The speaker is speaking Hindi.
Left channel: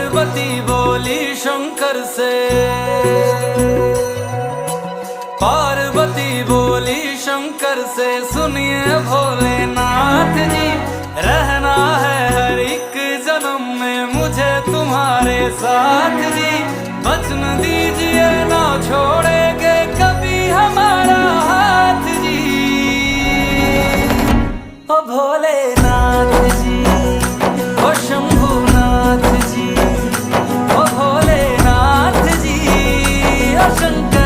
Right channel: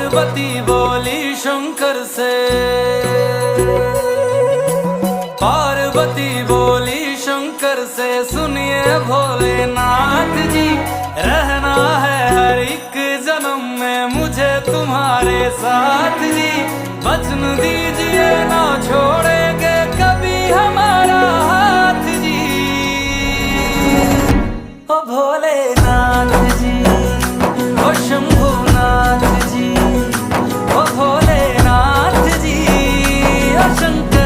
पार्वती बोली शंकर से, पार्वती बोली शंकर से, सुनिए भोलेनाथ जी, रहना है हर एक जन्म में मुझे तुम्हारे साथ जी। वचन दीजिए ना छोड़ेंगे कभी हमारा हाथ जी। ओ भोलेनाथ जी, ओ शंभुनाथ जी, ओ भोलेनाथ जी, ओ शंकर